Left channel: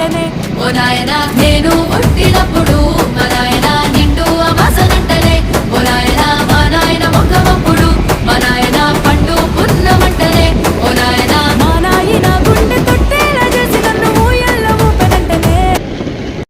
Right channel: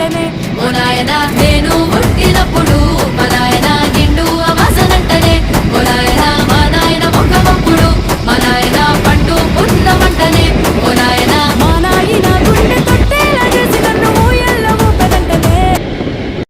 వెంటనే ఓ నాయనా నేను పుట్టినప్పుడు మా నాయన నిండు అమాసనంటనే ఓ నాయనా మా నాయన ముఖమప్పుడు మా నాయన పండు పున్నమంటనే ఓ నాయనా